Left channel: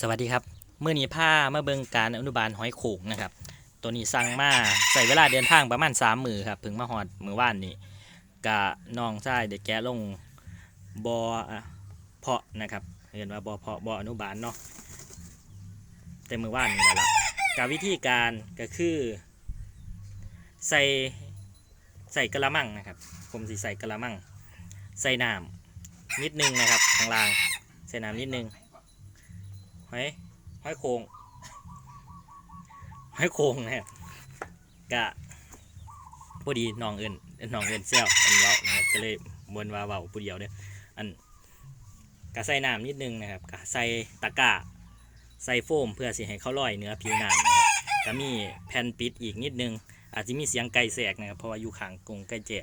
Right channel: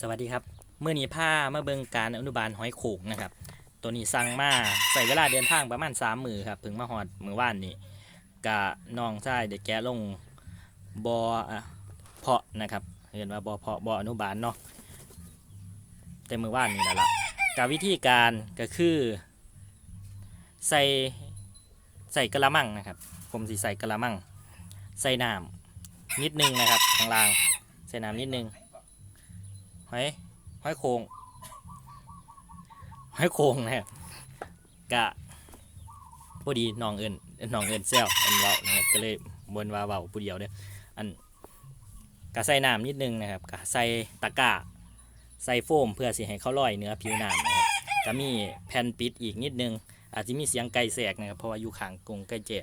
สวัสดีครับเมื่อนี้ผ้ามาเบิงการอนุบาลหอยโขงนะครับ ตัวนี้สั่งมาใส่เวลาเดินทางประมาณสามมือครับถึงมาหอดมือว่านนี่กะน้องชายเด็กแกะลงบออะเพาะนะครับเห็นว่าบอเพาะบออนุบาลเนาะแต่มือว่านนี่แหละละกะวิธีการก็คือใส่ใส่กระมังนะครับ ผมสิใส่กระมัง ใส่น้ำนิดนึงนะครับข้างล่างใส่น้ำนิดนึง หอยหอยโขงหอยโขงนะครับกะพอดีน้องเอินน้องเอินเซลอันเว้านะครับก็เลยบนว่าเว้าผู้เดียวเด้ออันกะใส่น้ำนิดนึงนะครับกะใส่ตะกร้าใส่โฟมเพื่อสิให้เขาลอยเนื้อผิวน้ำนะครับก็มีแผ่นปิดอีกนิดนึง อาจจะมีเสียงไก่แสกนะครับ เพราะว่าอยู่ขางกรงไก่เจ๊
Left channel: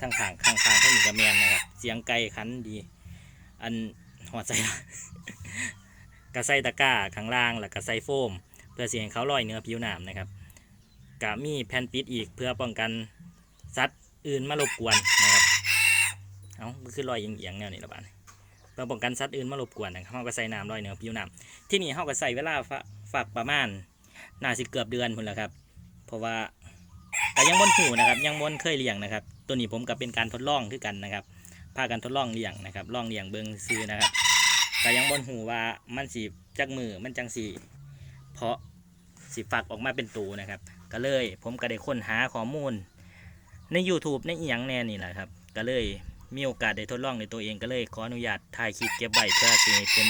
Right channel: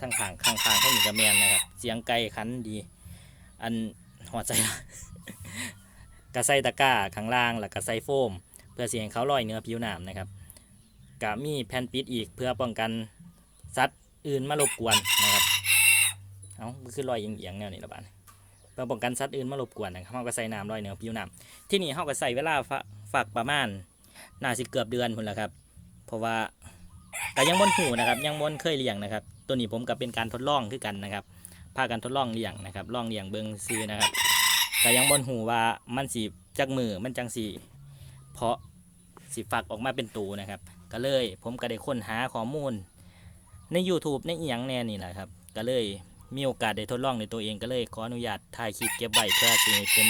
ทั้งขางข้างข้างทั้งหนึ่งกระแมนนะครับ เสียงไก่ขันดี อันหัวใจ กระใส่ตะกร้าข้างล่างแล้วก็ใส่โฟม เพื่อเสียงเขาลอยเนื้อผิวหนามนะครับกะมีแผ่นปิดอีกเพื่อป้องกันสัตว์อื่นมารบกวนนะครับเอาคือลอยเอียงๆแนวนี้ละบาดนี้เพื่อป้องกันสัตว์อื่นมารบกวนนะครับเขาก็ใส่น้ำลอยเนื้อผิวหนามที่นี่เขาก็ใส่เวลาฝากประมาณน่าสิเกือบเดือนพุ่นละครับ เพราะว่าก็ยังบนหูนะครับ ยังบนเคยเลี้ยงนะครับ ตัวนี้ผมก็เป็นการทดลองคือกันนะครับพากันทดลองเลี้ยงนะครับลองเลี้ยงเบิงซื้อนะครับ ก็ยังบนหูว่ามันสีจักมือมันจังสีเพาะสีฝักออกมาเป็นตูนะครับ ก็เลยผมก็ได้ค้นหาข้อมูล ใน YouTube ในอีหยังแน่นี่แหละครับ ก็เลยมีโอกาสได้ทดลองในตัวเองก็เลยขออนุญาตถ่ายคลิปเก็บไว้เพื่อสิเป็น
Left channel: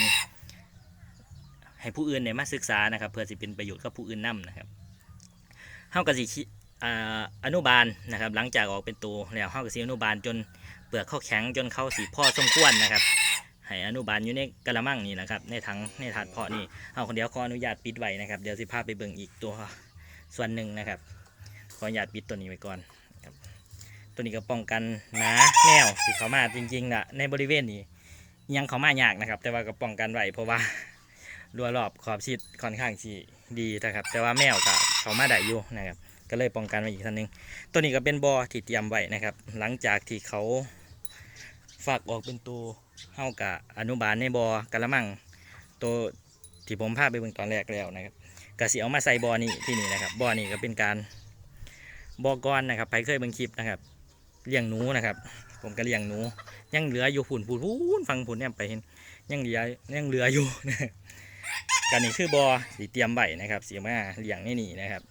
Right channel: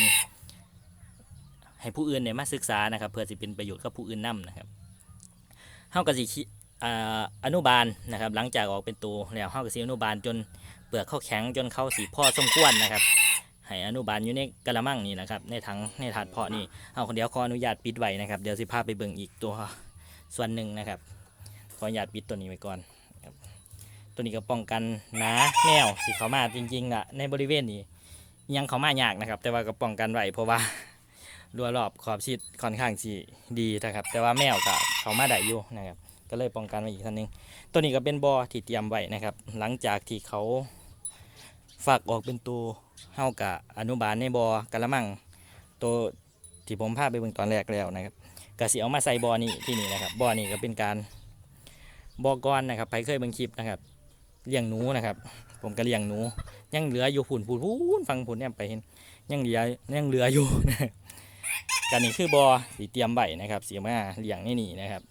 ให้ผู้อื่นได้มาศึกษานะครับ เพื่อสิเป็นประโยชน์กับผู้อื่นนํนะครับเฮาก็สิคิอ่าอนุบาลนะครับ หลังจากออกเป็นตัวแล้วเฮาก็สิอนุบาลจนเปลือกเข้าแข็งจนเข้าสีพ่อสมควรนะครับ ให้อนุบาลอยู่ในกระมังนี่แหละครับ ในถังในถาดเพาะนี่เอาคนเดียวขออนุญาตปิดไว้นะครับ เดี๋ยวสิพาไปเบิ่งอีกตัวส่วนหนึ่งนะครับ ขออนุญาตปิดตัวนี้ไว้ก่อนครับตัวนี้ก็ป้องกันหนาแนวสิเขามาจริงๆอะในบริเวณนี้ยังเขามายากนะครับ แต่ว่าก็ป้องกันไว้เพราะว่ารัวรอบขอบชิดค่อนข้างที่ดีนะครับ แต่ว่าแมวก็เขามาได้อยู่นะครับ ก็เลยป้องกันไว้อีกท่านหนึงตัวนี้ก็เป็นบอที่เตรียมไว้นะครับ หลังจากที่เขาฝากออกเป็นตัว เฮากะอนุบาลในบอกระมังตัวที่ผมพาไปเบิ่งตอนแรกแล้วนะครับกะสิเอามาใส่บอนี่ที่นี่นะครับบอนี่ก็เป็นการบอกอนนะครับไปเคยเบิ่งคลิปนะครับเลี้ยงหนูนะครับ ผมก็เลี้ยงหนู ยังเหลืออยู่ผุนผุนผุนฟังผุนเนี่ยไปเห็นยังเหลือยังเหลืออยู่นะกันนี่คือบอสีเตรียมใบนะครับสีมาเลี้ยงนี่นี่นะครับ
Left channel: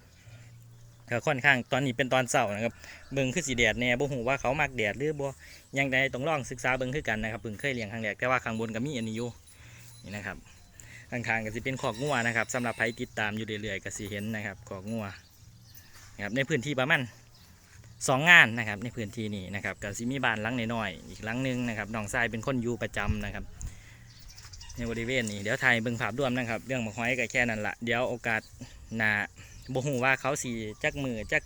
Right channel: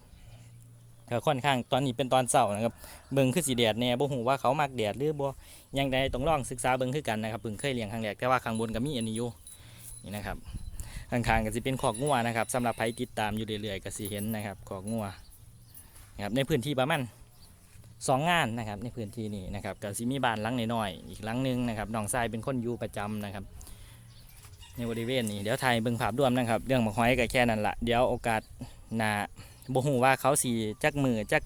ก็ค่อนข้างตอนนี้เป็นตอนเสาร์นะครับเบิ่งคือสีแดดแน่บ่ฮู้ว่าเขามักแดดหรือบ่ยังได้ต้องลองศึกษาเบิ่งคือกันนะครับเพิ่งเคยเลี้ยงครั้งแรกแต่ว่าข้างบนก็มีอันนี้อยู่นี่นะครับข้างๆก็สิเป็นขอกงัวนะครับสำหรับใครติดตามอยู่เรื่อยๆก็สิเห็นนะครับขอกงัวนะครับในพื้นที่ประมาณสองงานนะครับในพื้นที่นี้นะครับก็สิมีบ้านหลังน้อยๆอีกหลังหนึงนะครับน้องทรายเป็นคนอยู่ประจำนะครับ ในบริเวณนี้เดี๋ยวถ่ายเบิ่งภาพรวมนะครับ เรื่องหมกหอยก็แค่นั้นละเดี๋ยวโอกาสหน้า บ่ฮู้ว่าเขาสีจักมือจัก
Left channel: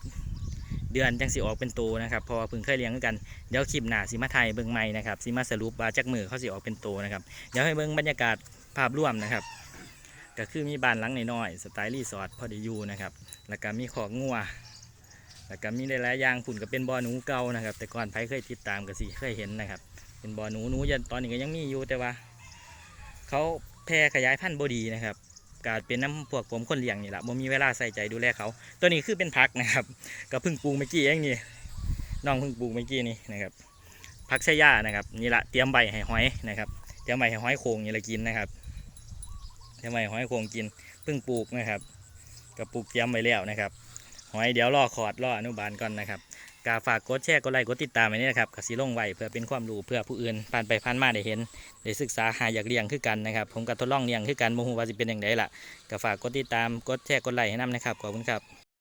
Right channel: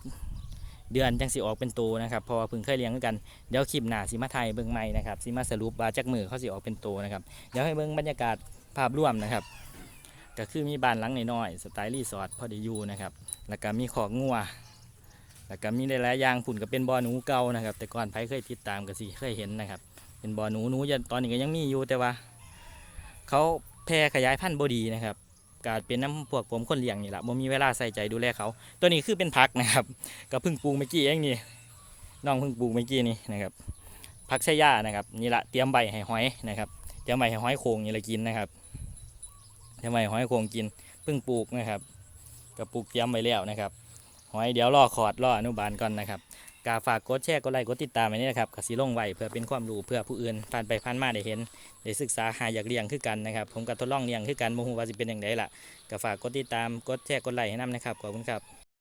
เดือนจังสิออกเป็นตัวนะครับเพราะว่าเพิ่งเคยเลี้ยงกันเดี๋ยวคลิปหน้าสิมาไทยเบิ่งใหม่นะครับสิมาสรุปว่าจักมือเขาสิออกเป็นโตนะครับเดี๋ยวให้เบิ่งบรรยากาศภาพรวมนะครับ ก็คือมีบ้านหลังน้อยๆสไตล์รีสอร์ทพอดีอยู่นะครับแล้วก็มีขอกงัวแล้วก็มีหลายๆอย่างฝุ่นก็เป็นบ่อหนูเก่านะครับ แต่ก่อนไผเคยติดตามก็สิเคยเห็นนะครับ เป็นบ่อหนูหนูยันตอนนี้ก็ยังมีอยู่แต่ว่า เขาแพร่ขยายพันธุ์บดีนะครับ กาดเป็นน้ำพวกผมคนเลี้ยงนี่แหละบ่มีเวลาใส่ใจดูแลเขา ตัวนี้คือเป็นพักนะครับก็เพิ่งปลูกเมื่อกี้เองนี่น้องเพิ่งปลูกเมื่อกี้นี่นะครับผักไชย่านะครับนี่แหละเตรียมใบให้หอยนะครับเตรียมใบให้หอยโขงนี่ละกินนะครับเตรียมใบหอยโขงกินเพิ่งปลูกนะครับก็ปลูกเตรียมไว้แล้วนะครับหอยเดี๋ยวรอขอดรออนุบาลก่อนนะครับ กาฝากกดแชร์กดไลค์กดติดตามไว้นี่นะครับกสิลงไว้เพื่อเป็นความรู้เพื่อผู้อื่นผ่านไปผ่านมาได้เห็นได้ศึกษาหาอยากเลี้ยงคือกันนะครับผมก็ทดลองเลี้ยงคือกันโมโหว่าจะเป็นอย่างไรล่ะก็ฝากกดติดตามกดแชร์กดไลค์ให้นำนะครับขอบคุณครับ